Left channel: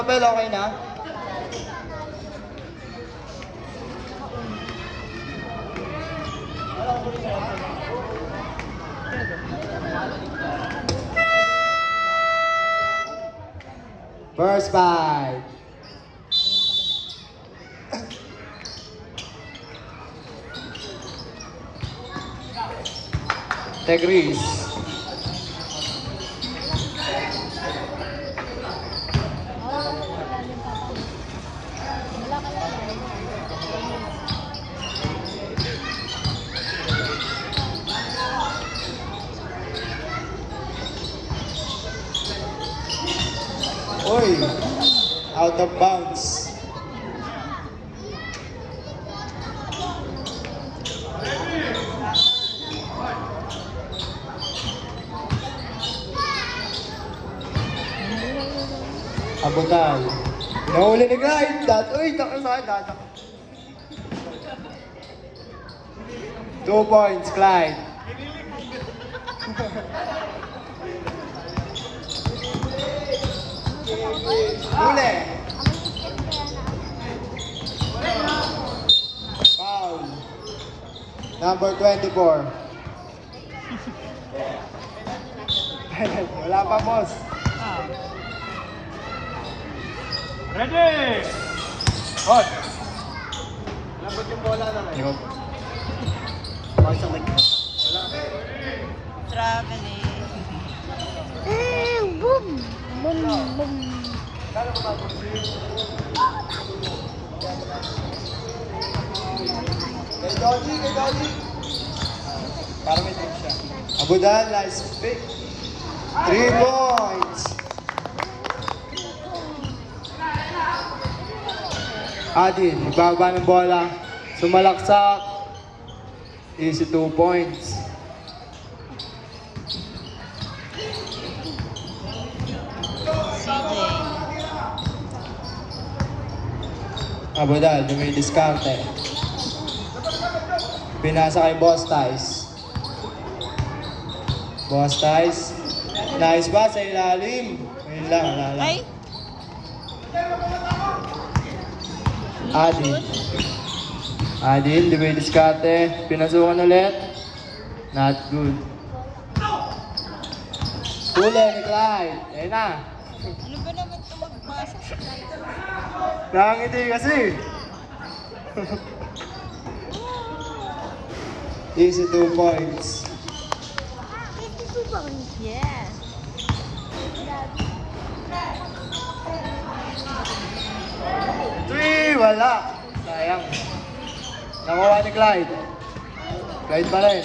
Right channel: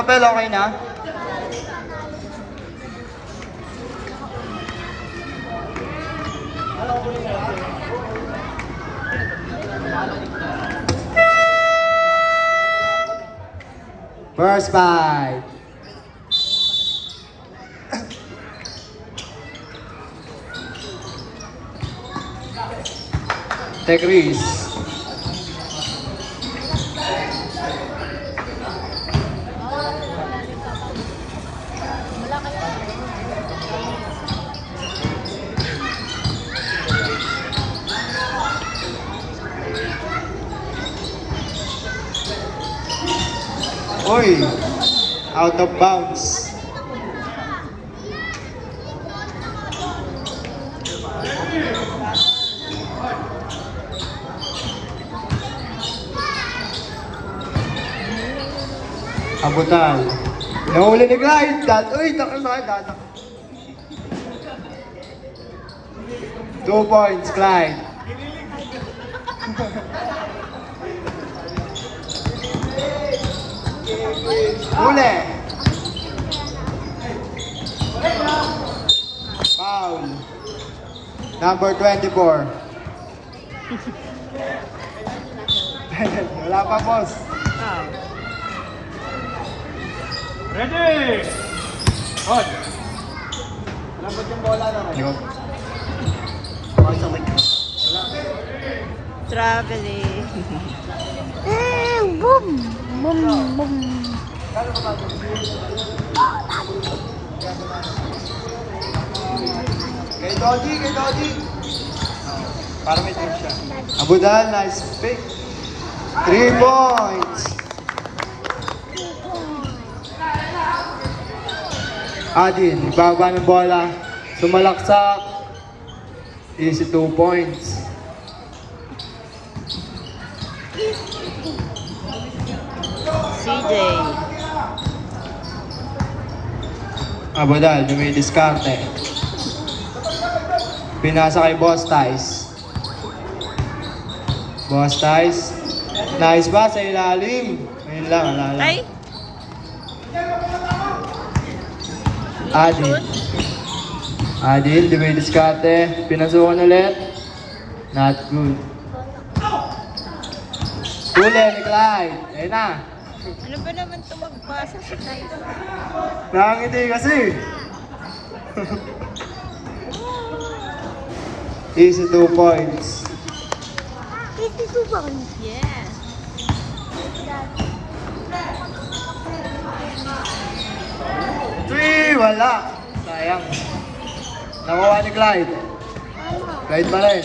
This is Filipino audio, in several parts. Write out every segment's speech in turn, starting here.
Abel, okay na? First fight. Take risk. Uy, out of bounds. Abutan. Nahuli ni Clyde. Uy, takil ba? 2 points, Clyde. Huli. Foul. Number 24. Wala pa, boss. Ready! Hot! Lambot yung bola na. Traveling. Boom! Boom! Boom! Abudal, nice pick. 3 points. Adin, ibaba ng bola. Sumalaksak. Easy 2 points. CJ. Abudal, dumidiskarte. Pinasa kay Boss Tice. Boss Tice. Nice ba sa ilalim? Ngayon lang, ano? Ay! Adin. Adin, dumidiskarte. Pinasukan ulit. Not good. Huli ni Clyde. Ayun na. Ano ba naman ito magbasa sa tayo? Nakangiti kasi. Easy 2 points. Ito ba? Yes. 3, wala. Sayang. Nakuha ni Clyde. Clyde pa rin.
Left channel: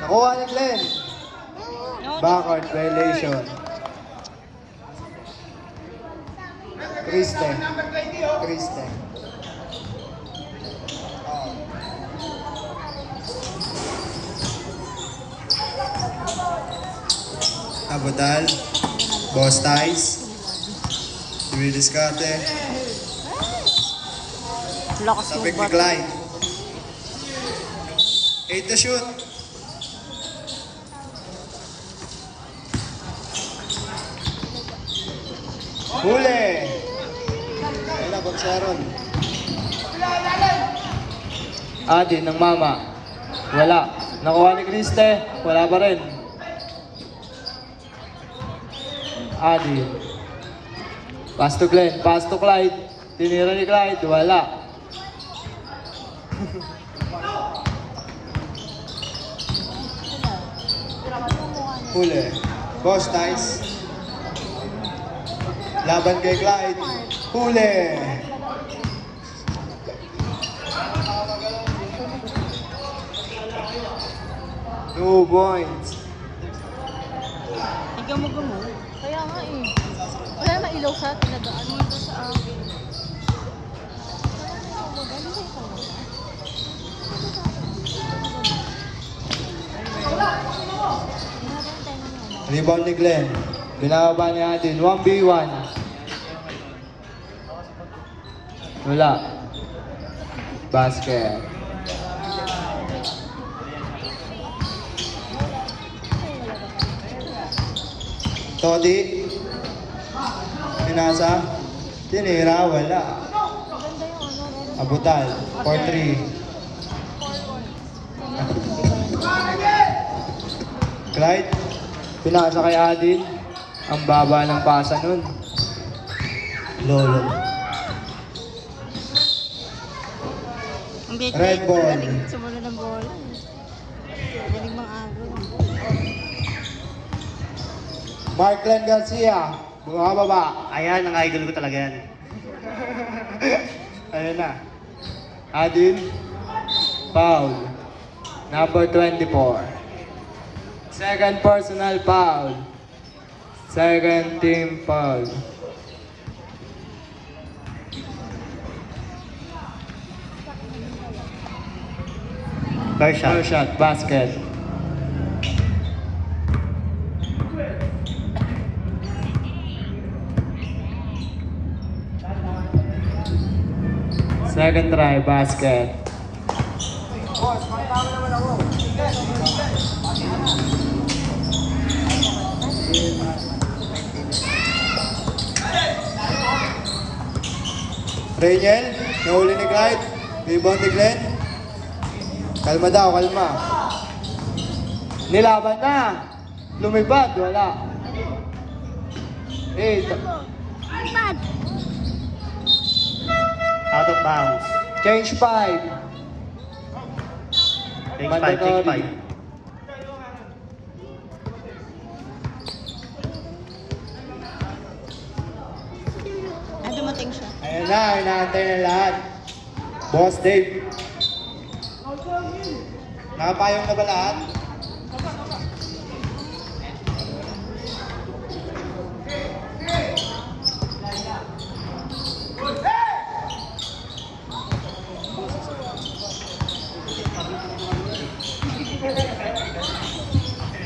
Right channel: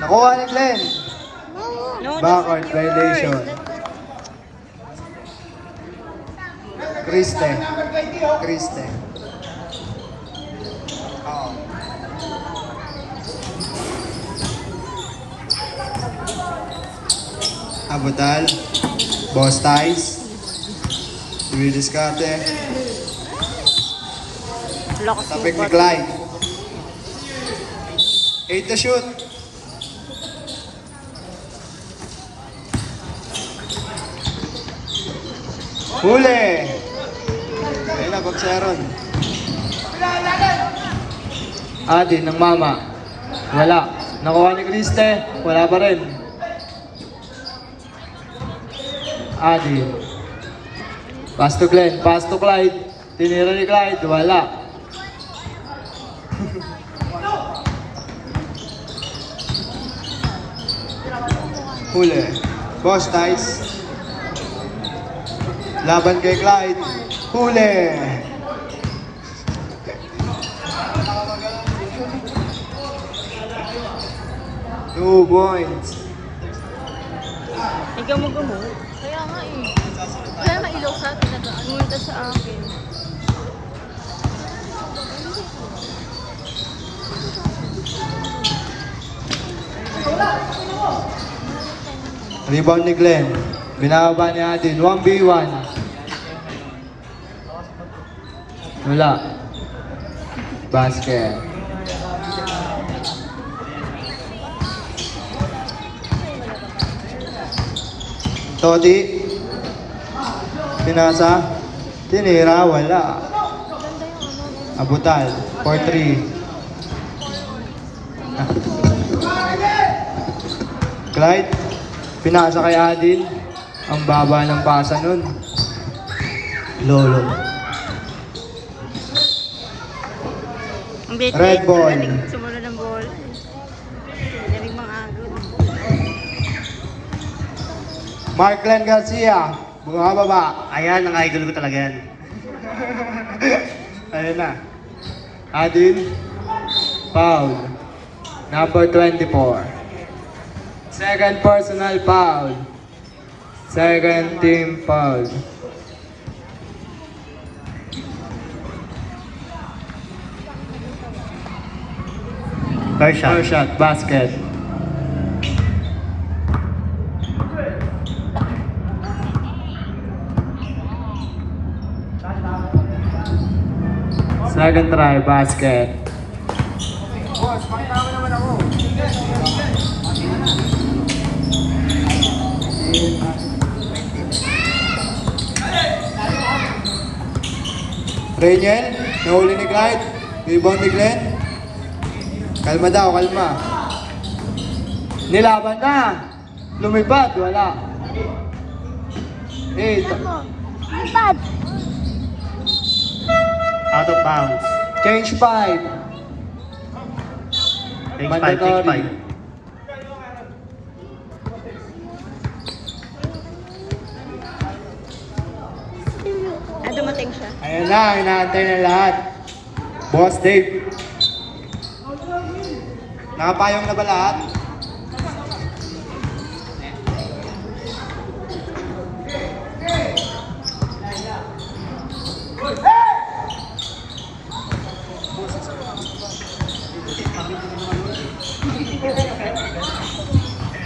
Nakuha ni Glenn. No, Backward violation. Kriste. Kriste. Abudal. Boss Tice. Dumidiskarte. lakas mo Tapik ba? ni Clyde. 8 to shoot. Huli! Ayun na, Pagsaron. Adi, ng mama. Wala. Nakuha ni Kriste. Wala pa rin. Adi. Pass to Glenn. Pass to Clyde. Tinira ni Clyde. Wala. Huli. Boss Tice. Laban kay Clyde. Huli. Two points. Ikaw mo gumo. Kaya nga eh. Kaya nga ilaw sa atin na doon. Multa sa akin. Rebound ni Glenn. Binababa ni Adin. 1v1. Wala. Basket. Todi. Pinasa. Tinira, wala. Abutan. 4-3. Clyde. Pinasa kay Adin. Ang baba ng pasa nun. Lolo. Ang bitin. Red ball. Galing sumunod ng bola. Galing mga agod. Marklen Garcia. Bumababa. Ayan, ang idol ko talaga yan. Ayun na. Adin. Foul. Number 24. Second personal foul. Second team foul. First shot. First shot, basket. Second try, basket. Daniel, nahuli ni Clyde. Rebound ni Glenn. Kalma daw, kalma. Nilaban na. Lumipad, wala. 8. Out of bounds. Change 5. Take 5, take 5. Ah, dumating siya. Ayan na, hinaantay na lahat. Boss Dave. Nakapayong na ba lahat?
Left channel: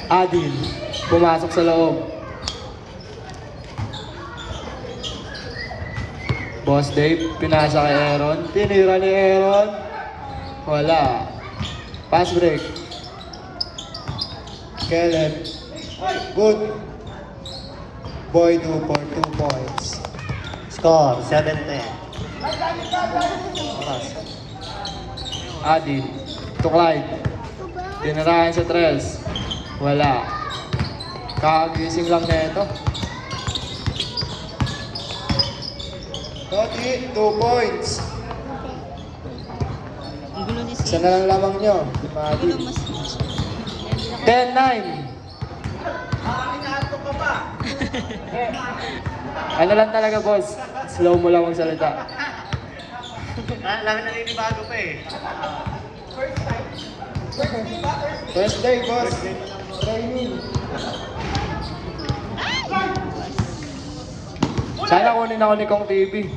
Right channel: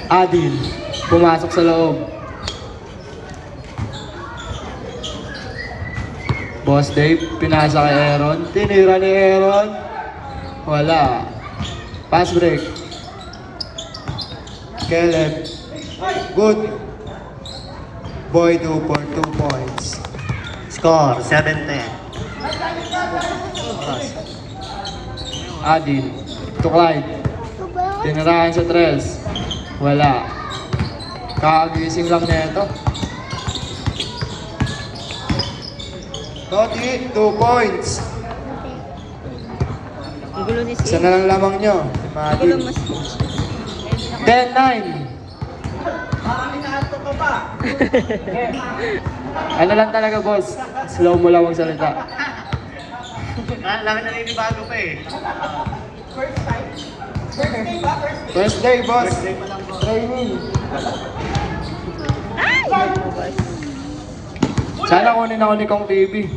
Adil, pumasok sa loob. Boss Dave, pinasa kay Aaron. Tinira ni Aaron. Wala. Pass break. Kenneth. Good. Boy 2 for 2 points. Score, 7-10. Adil. To Clyde. Tinirahan sa tres. Wala. Kakagising lang niya ito. Toti, 2 points. Ang gulo ni Isa Sid. na lang lamang nyo. Ang gulo mo si 10-9. Ano lang talaga, boss? Slow mo lang magsalita. Laki na ninibago pa eh. First day, boss. Sana kunin ako ni Kong TV.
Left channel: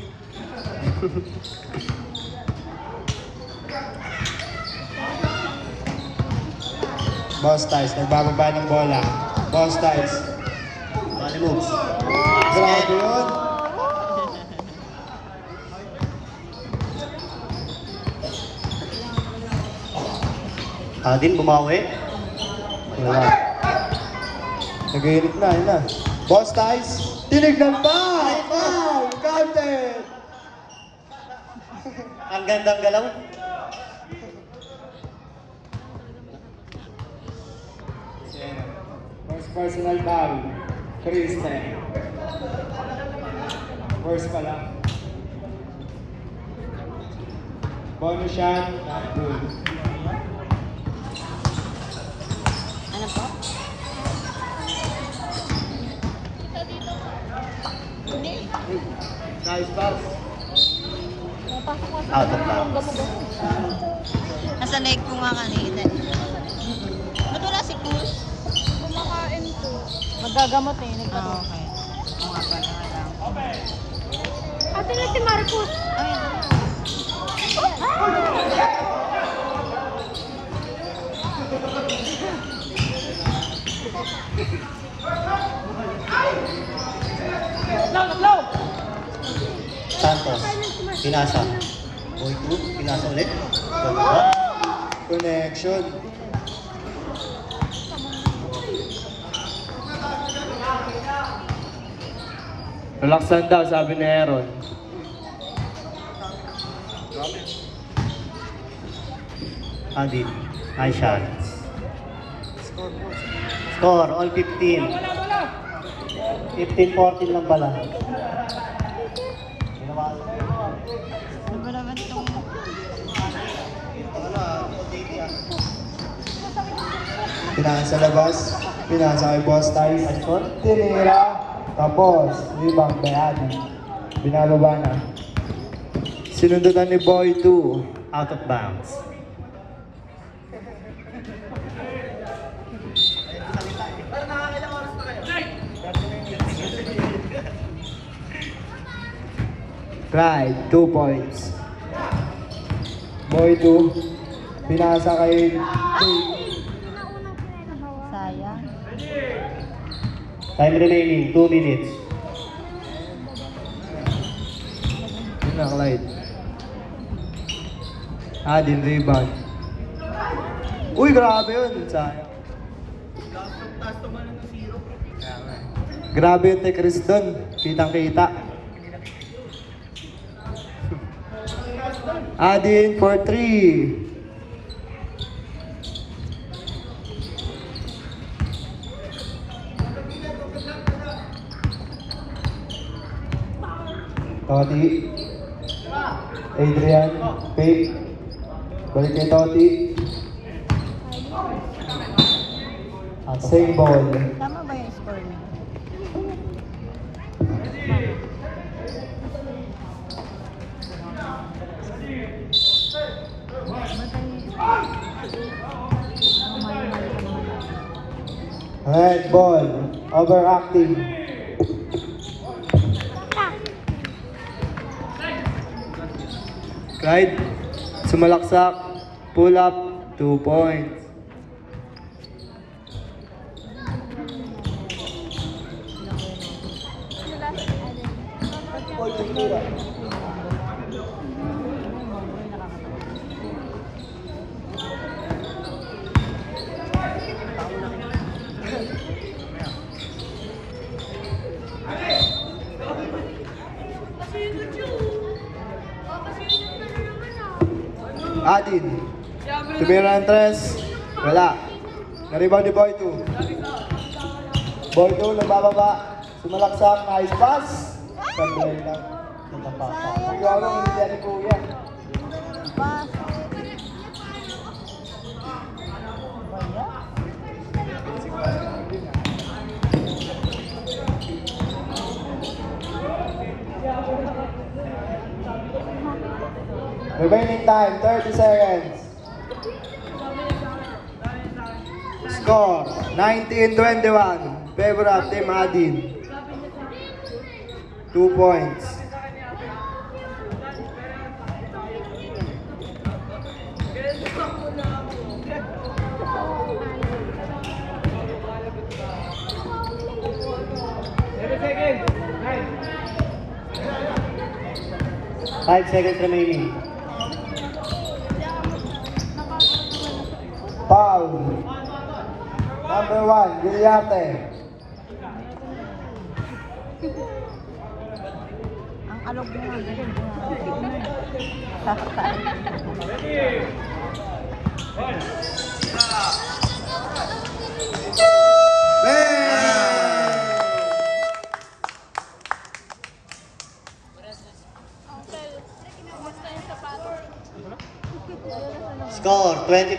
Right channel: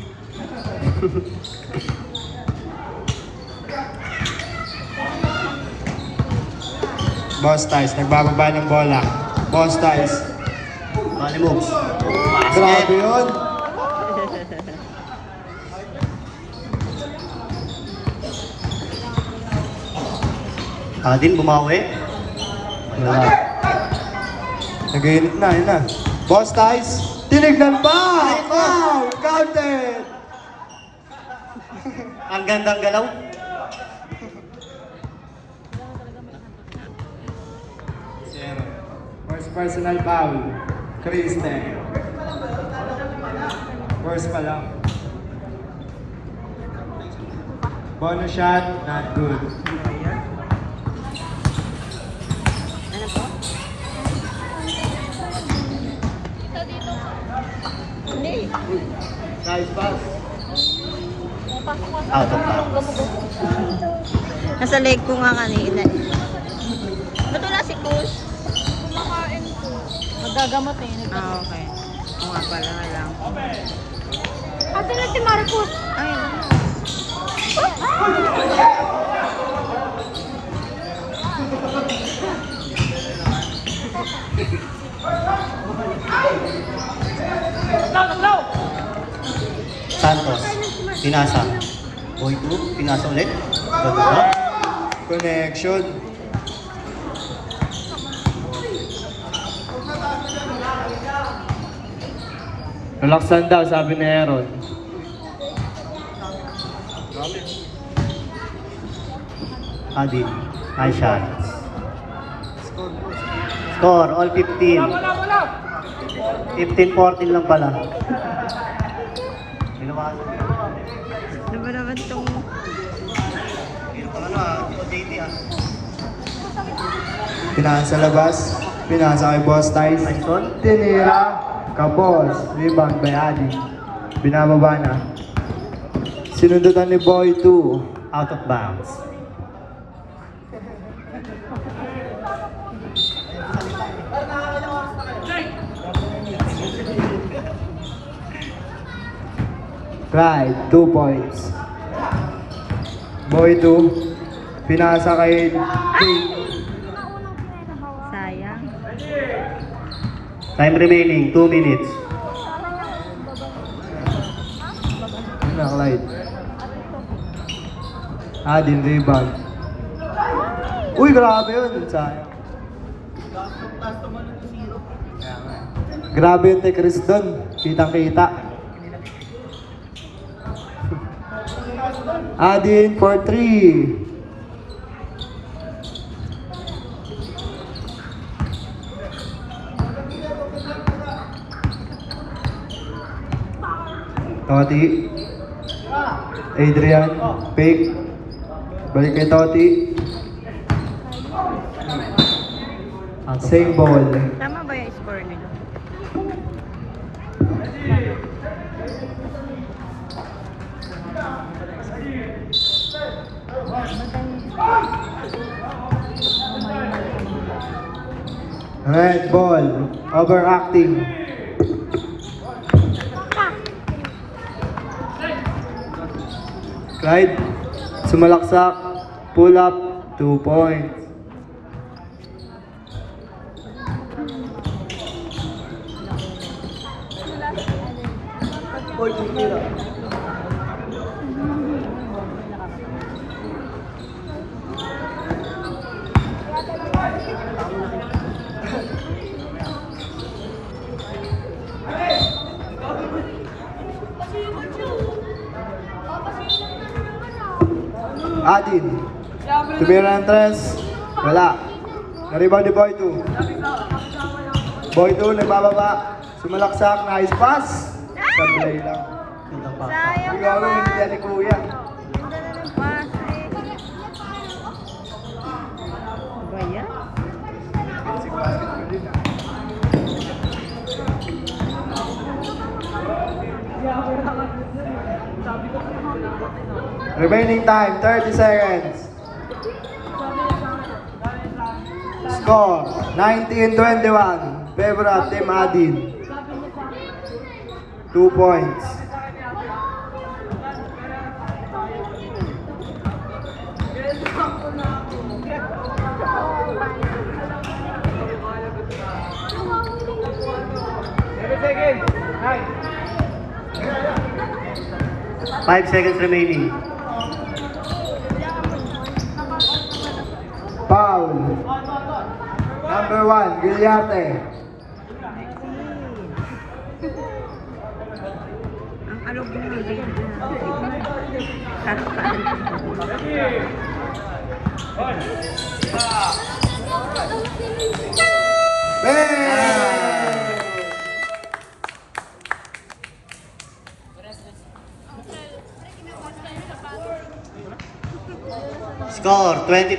Boss Ties, nagbababa ng bola. Boss Ties. Bali moves. Grabe yun. Adin, bumawi. Nag-init na, yun na. Boss Ties, tinignan pa! Wow! Counted! Ang gandang galaw. First personal foul. Kristen. First pa lang. Bonus shot, not good. Ano po? Nice pass. Out of bounds. Nasa leg ko nga kanina. Ba't wala si Cruz? Kumakain po. Magagamot eh. Ah, okay. Oo nga pala lang. Ate na si Marcos. Ay, wala. Santos. Pinasa. Boy 2. Pinasa ulit. Gagawin. Connection. Relaxan daw, sabi ni Aaron. Adi, high shots. Score, all 15. 15-14 lang pala. Ano ba naman itong... Pinasa labas. Pinasa kay Boss Tyson. Tinira. Kapos. Rebound by Adi. Binababa na. Sinundutan ni Boy 2. Out of bounds. Right, 2 points. Boy 2. Pinasa kay Jake. Sayang. Time remaining, 2 minutes. Nakalight. Adin, rebound. Uy, grabe yun. Sayang. Grabe yung Chris doon. Kitang-kita. Adin for 3. Toti. Adrian. Fake. Balik kay Toti. Same ball. Tama ba yung score nila? Red ball. Overacting. Clyde. Sumalaksak. Pull up. 2 points. Adin. Tumira ng tres. Wala. Naribang ni Boy 2. Boy 2, nagmababa. Sumalaksak. Nice pass. Sablay lang. Sayang Ikaw naman. yung ni Kuya. Remaining time, 30 seconds. Score, 19-21. Favor of Team Adin. 2 points. Five seconds remaining. Foul. Number 1, Guilliarte. Ano ba yung Score, 20